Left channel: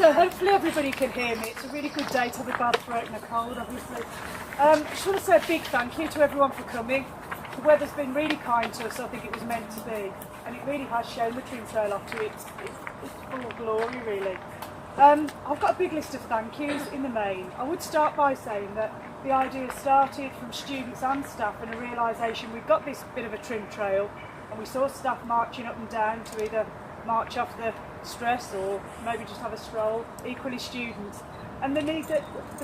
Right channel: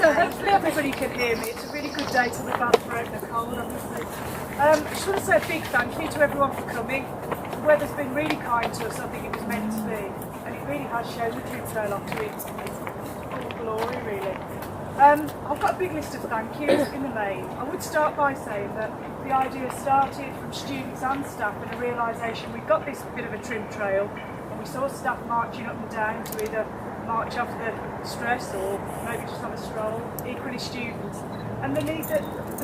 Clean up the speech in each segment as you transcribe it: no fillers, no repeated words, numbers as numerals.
So hopefully everybody can hear me. It's a really good day to be bad throat and a cold, obviously. I just want to say a big thank you to everyone for coming. The weather's been really kind to us. I think it was meant to be, and it really has shown the Trim Trail off to its full glory, really. I've got a big list of thank yous in the main. I would start by saying that the idea started from students and staff and a realisation we've got this bit of a Trim Trail, and we saw staff marching up and down to either march off the stress or maybe just have a stroll, equally students, and the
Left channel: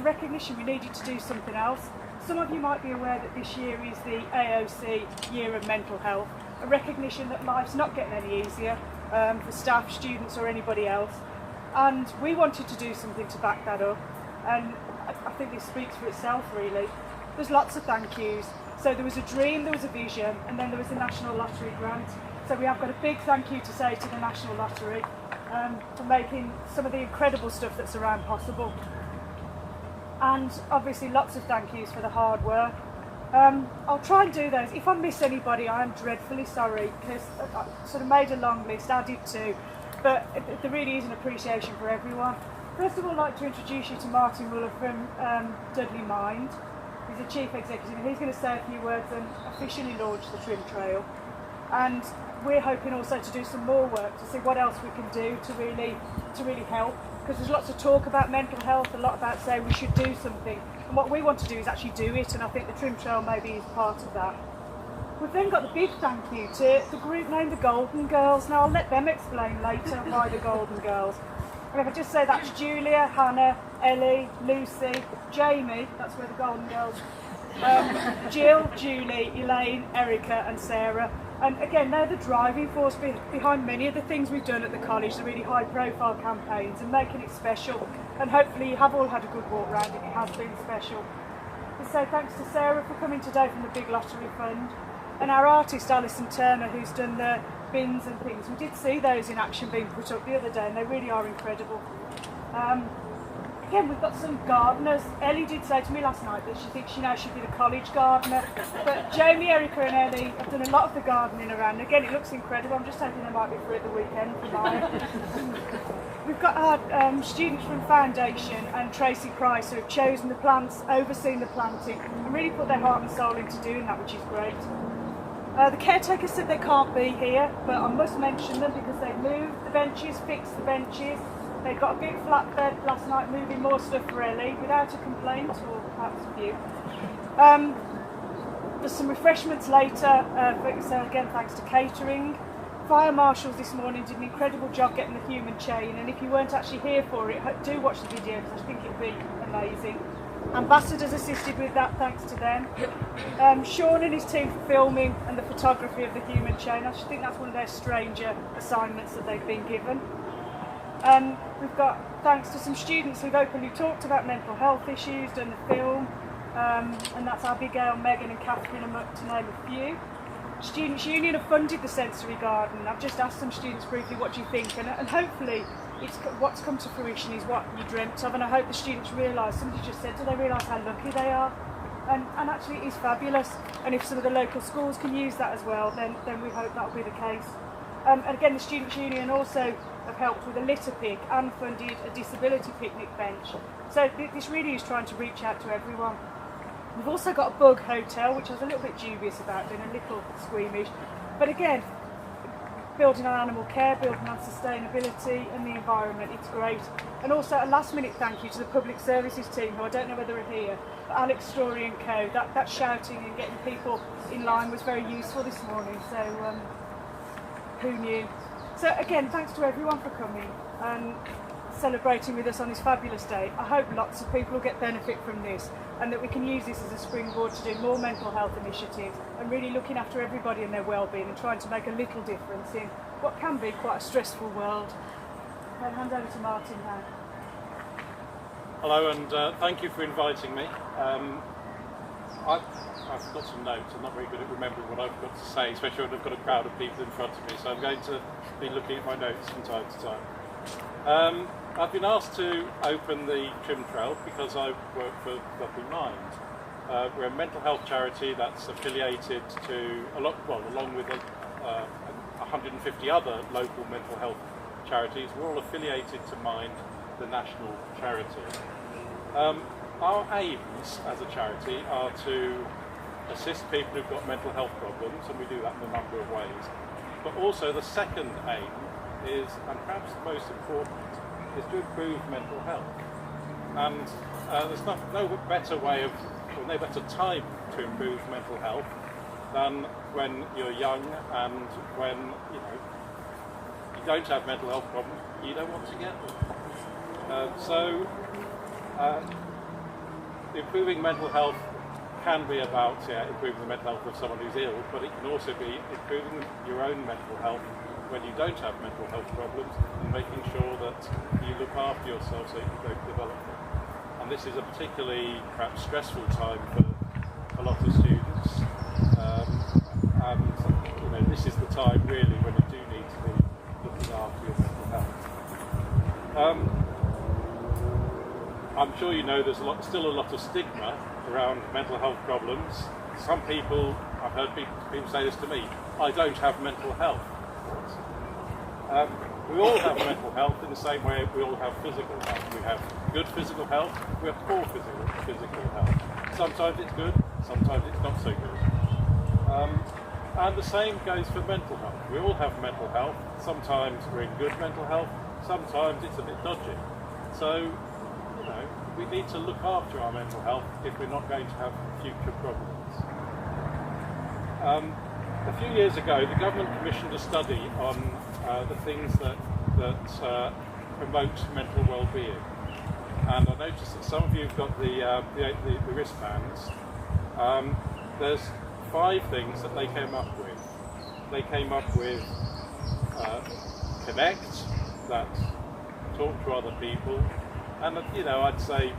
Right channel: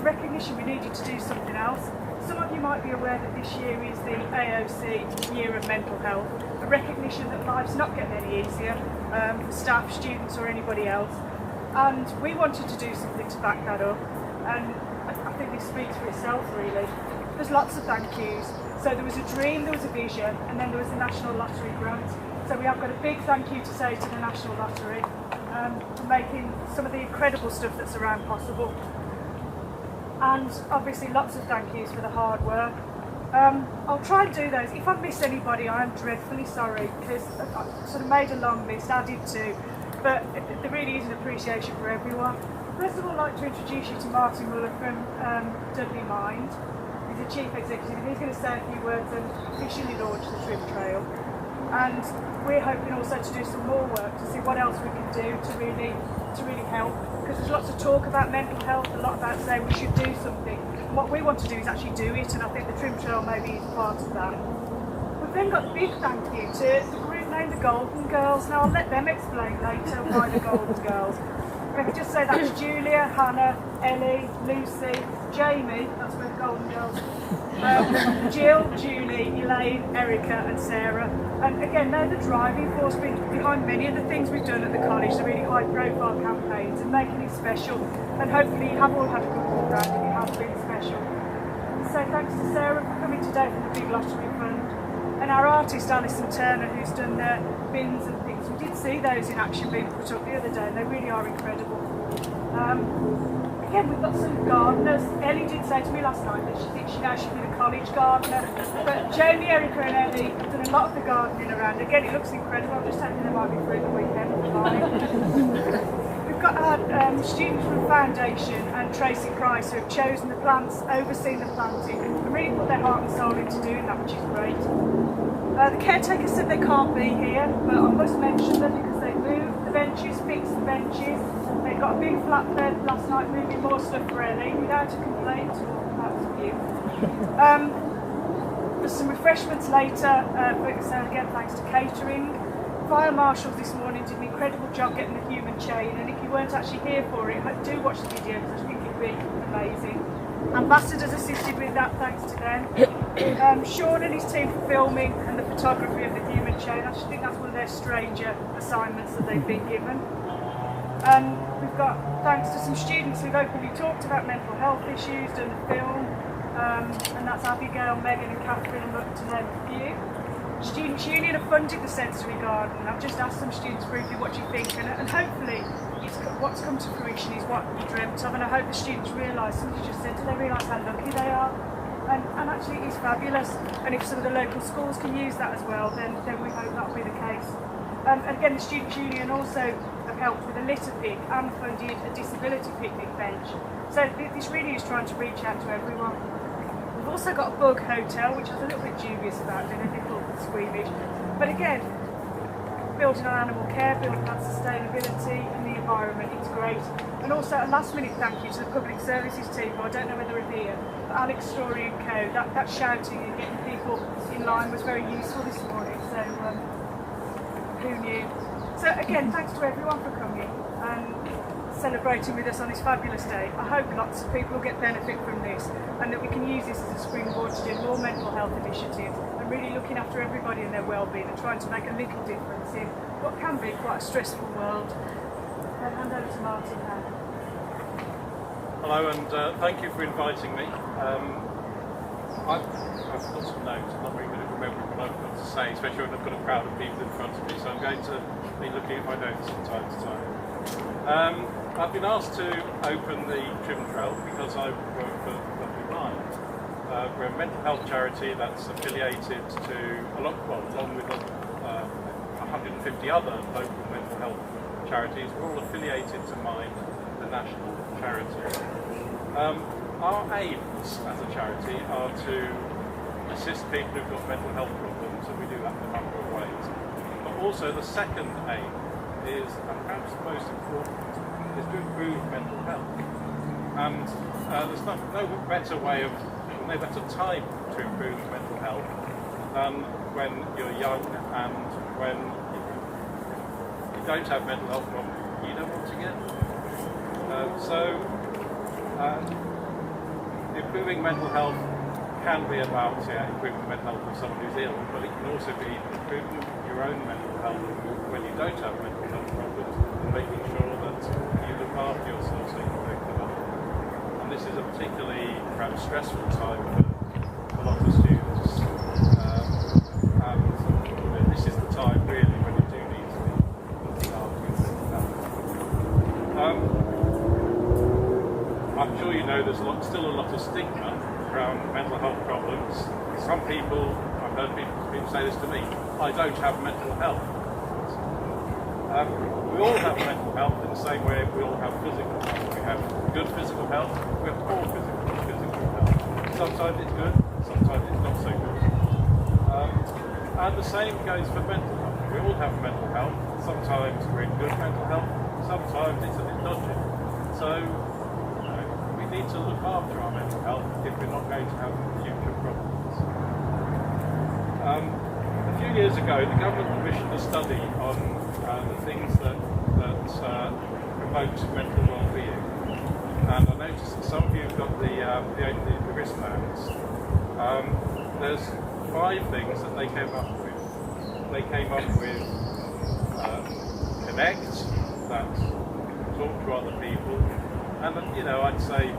recognition we needed to do something else. Some of you might be aware that this year is the AOC Year of Mental Health, a recognition that life's not getting any easier for staff, students or anybody else, and we wanted to do something to back that up, and I think this speaks for itself really. There's lots of thank yous. So there was a dream, there was a vision, and then there was a National Lottery grant. So we have got a big thank you to say to the National Lottery for making some of the incredible stuff that's around possible. And obviously lots of thank yous for the hard work. I'll try and do those. If I miss anybody, I am dreadfully sorry, because I sort of made a long list, I did too, but there really is an appreciation for everyone. First of all, I'd like to introduce you to Martin Muller from Dudley Mind. He's the Chief Executive, and he's going to say a few words and officially launch the Trim Trail. And we're hoping also to do some more work to see what else we can do to really help, because there's lots of talk about mental health, a lot about saying we should do something, and what we want to do is actually do it, and I think the Trim Trail maybe is part of that. We've then got the big thank you to the group named the Golden Girls. Now I'll let them explain later why the Golden Girls. And if I just say that's Julia, Hannah, Ellie, Lucy, Jamie, that's where the Golden Girls, Jill, Julie, Elaine, Erica and Sarah. And again, they're the driving force behind many of the things we've done at the college, the really high profile campaigns and making it special. And hopefully you have all had a good walk around and it has been special. And so thanks to Sarah for coming today from the Big Lottery Fund. And our artist Alison Turner, who's done the bins and things. We did see those in action being put up the other day, and they really are incredible. Again, we've got some gardeners. Ellie did say to me last night that she thinks she now should be the college gardener. But Jamie, Erica and Ellie have done a lot of the gardening around. Again, it looks incredible. I'm just hoping they might be through the weekend for mine. We've got our students from Foundation and Tracy Price who have chosen the plants, overseen the planting, and really put their heart and soul into doing that, which is great. The caretakers said they can't be here, but I must mention them because they've moved the benches, fixed the benches. They've got a big flatbed last night moving more stuff for Ellie without a complaint, or perhaps a few. There's some refreshments later, so again thanks to catering. Fire marshals this morning did an incredible job getting the human chain, and if you weren't actually here for it, do watch the video because I think it'll be amazing. Ambassadors assisted with that, thanks to them. Sean and his team for filming and the photography of the human chain. I think that's one of their stranger assignments that they've been given. We've got thanks to some students who've openly talked about mental health issues, done the film, and that's Abigail, Megan and Catherine, to name a few. Students' Union have funded the sensory garden. I've just asked some students briefly what do you think, and hopefully what's come to fruition is what you dreamt of, and I hope the students realise, somebody just said, do they realise how lucky they are? And actually it is fabulous, and if some of the local schools can use that as well, then we hope that'll be the case. And again, the Students' Union also have helped with a litter pick and funded a disability picnic bench. So this really is trying to reach out to everyone. We've also got a bug hotel, which I was a little bit dubious about, being a little squeamish. But again, building on animal care, building on sustainability and the environment, it's great. And also a last minute thank you to the public services team, who I don't know whether they're here, but Alex Story and co. That shouting and getting people in line was very useful this morning, so who knew? So again, thanks to everyone for coming and celebrating with us on this fabulous day. I hope lots of people will get benefit from this, and that we can use this as a springboard to do more mental health initiatives and really looking after everybody and their well-being and trying to make a little difference in what can be quite a stressful world. I'll hand over to Martin now. Hello, and thank you for inviting me. I've got some notes. I'm not very good at remembering what I've got to say, especially when I've got a crowd of people in front of me, so I'm going to be looking at my notes from time to time. I've been asked to open the Trim Trail because I work for Dudley Mind. We're a mental health charity that's affiliated to, along with 150 other local mental health charities, we're all affiliated to Mind, the national charity. Our aims as a charity are to assist people who've got mental health problems, and we do that in a number of ways. But also the second aim is, and perhaps the most important, is to improve mental health. And there's no better way of, or no better time to improve mental health than when you're young and when you don't have mental health problems, you don't want to get them. Improving mental health can be about improving the mental health of someone who's ill, but it can also be improving your own mental health when you don't have mental health problems, and making sure that you look after yourself so you can cope with others. And this is a particularly perhaps stressful time for a lot of students, and this is the time really when you do need to be looking after your mental health. I'm sure you know there's still a lot of stigma around mental health problems. Some people, I've heard people say this to me, I don't have mental health. We all have mental health in the same way we all have physical health. We have good physical health, we have poor physical health. Sometimes it's good, sometimes it's not so good. And the same goes for mental health. We all have mental health. Sometimes we're in good mental health, sometimes it's a bit dodgy. So, we need to look after our mental health if we're not going to have future problems. A few years ago, the government commissioned a study on the things that promote mental well-being, and I noticed that some of you have got the wristbands. There's 5 things that they came up with. They came up with connect, that's talk to other people. And I'd say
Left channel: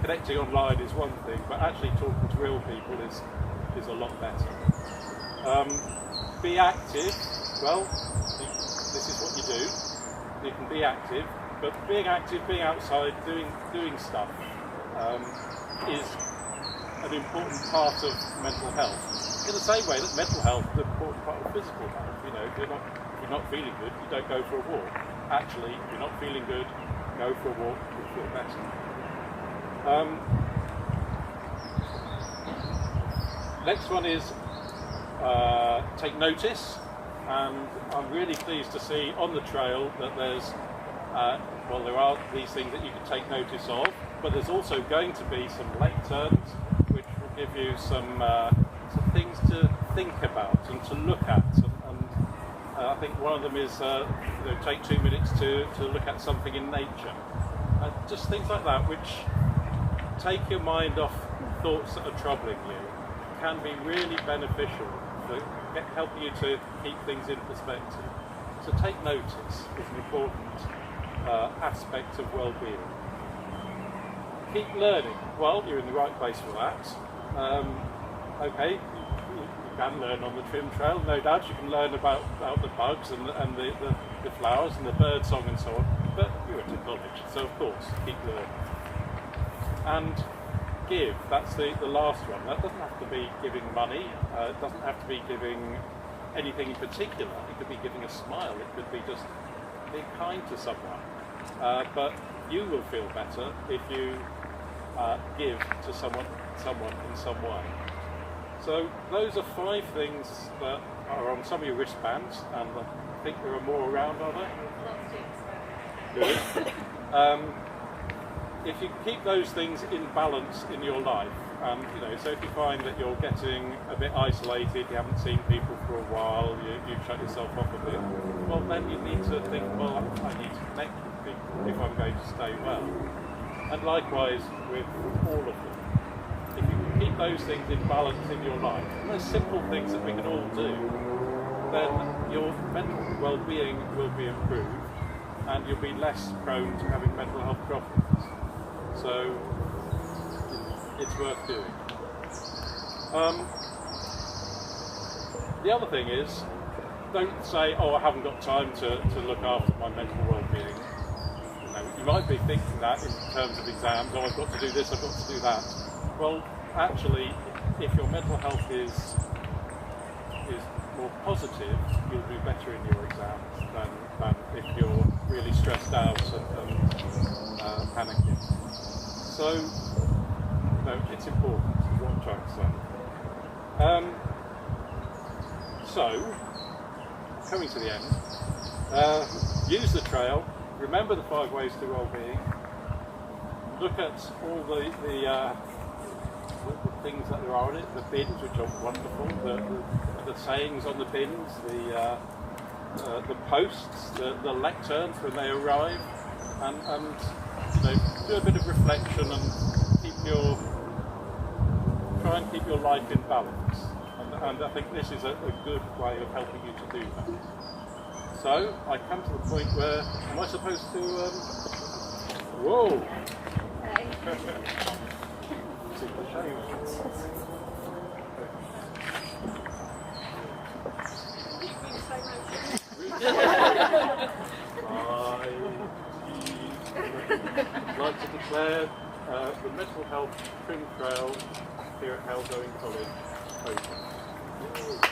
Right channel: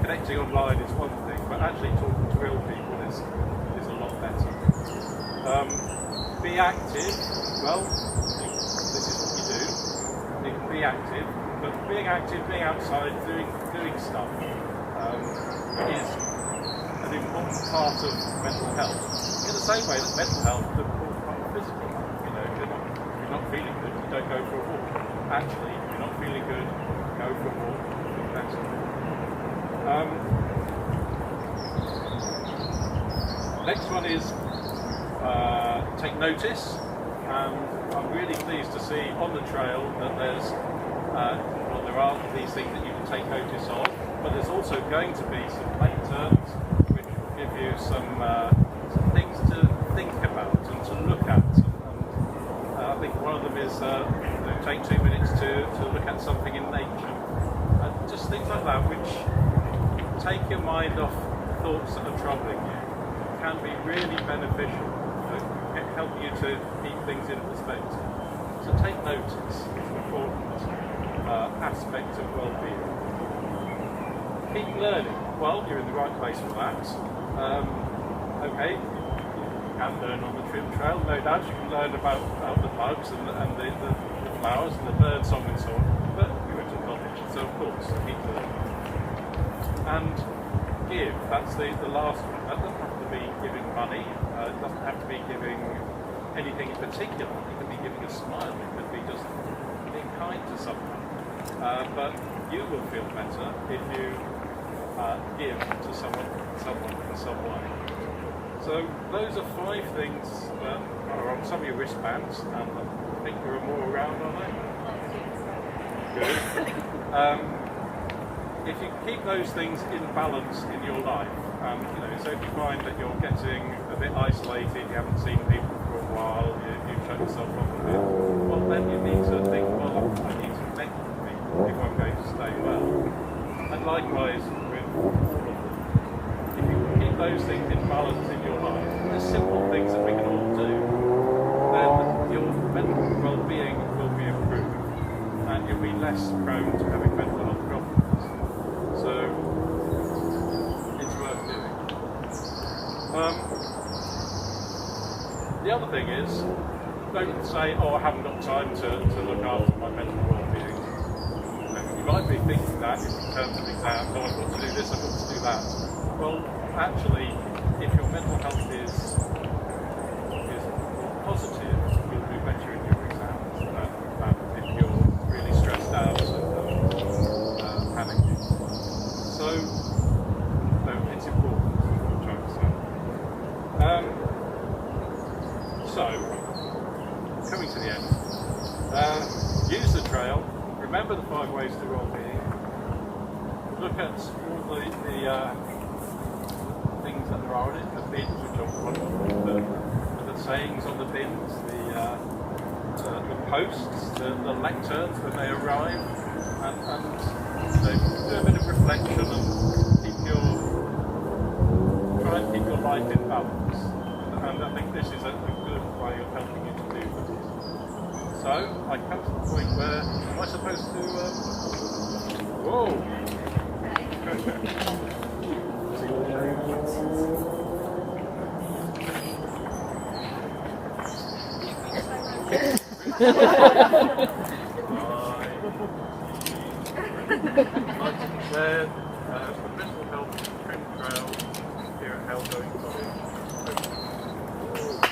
connecting online is one thing, but actually talking to real people is a lot better. Be active. Well, this is what you do. You can be active, but being active, being outside, doing stuff is an important part of mental health. In the same way that mental health is an important part of physical health. If you're not feeling good, you don't go for a walk. Actually, if you're not feeling good, go for a walk. Better. Next one is take notice, and I'm really pleased to see on the trail that there are these things that you can take notice of, but there's also going to be some left turns which will give you some things to think about and to look at, and I think one of them is take 2 minutes to look at something in nature. Just things like that, which take your mind off thoughts that are troubling you, can be really beneficial, helping you to keep things in perspective. So take notice is an important aspect of well-being. Keep learning. Well, you're in the right place for that. Okay, you can learn on the trim trail, no doubt. You can learn about the bugs and the flowers and the bird song and so on. But you went to college, so of course, keep learning. And give, that's the last one. That doesn't have to be giving money, it doesn't have to be giving anything in particular. It could be giving a smile, it could be just being kind to someone. But you will feel better if you give to someone in some way. So those are 5 things that are on some of your wristbands, and I think there are more around, are there? Good. If you keep those things in balance in your life, so if you find that you're getting a bit isolated, you haven't seen people for a while, you've shut yourself off a bit, well then you need to think, well, I need to connect with people if I'm going to stay well. And likewise with all of them. If you can keep those things in balance in your life, and they're simple things that we can all do, then your mental well-being will be improved, and you'll be less prone to having mental health problems. So it's worth doing. The other thing is, don't say, oh, I haven't got time to look after my mental well-being. You might be thinking that in terms of exams, oh, I've got to do this, I've got to do that. Well, actually, if your mental health is more positive, you'll do better in your exams than if you're really stressed out and panicking. So, no, it's important, is what I'm trying to say. So, coming to the end, use the trail, remember the 5 ways to well-being, look at all the things that there are in it, the bins, which are wonderful, the sayings on the bins, the posts, the lecterns when they arrive, and you know, do a bit of reflection and try and keep your life in balance. And I think this is a good way of helping you to do that. So I come to the point where, am I supposed to? Whoa! See what I'd like to declare the Mental Health Trim Trail here at Hale Going College open.